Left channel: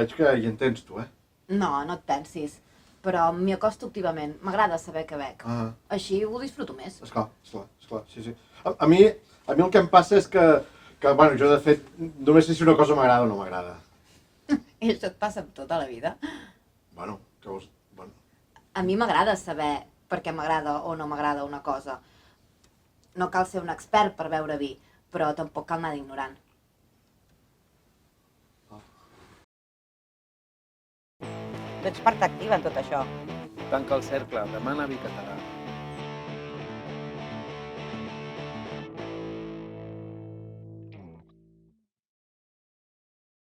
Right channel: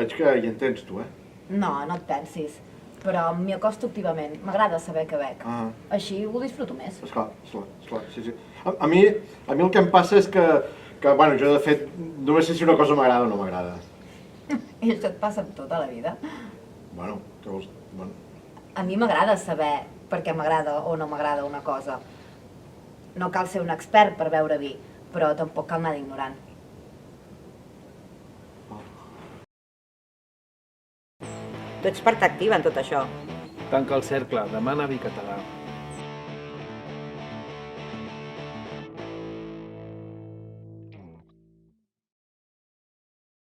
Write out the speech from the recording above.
Veig que hi entens, tu, No, no et pensis. Però m'hi acosto activament. M'agrada saber què bec. Així ho disfruto més. Esclar, sí. A mi el que em passa és que bueno, jo de fet només sé si una cosa m'agrada o no m'agrada. I això et passa amb tota la vida. Bueno, què vols? Bueno. A mi m'agrada saber per què m'agrada o no m'agrada una cosa. No cal ser un expert per beure vi, però tampoc cal anar d'ignorant. Tu ets part activa en tot això. Tanca el cercle, demana vi català.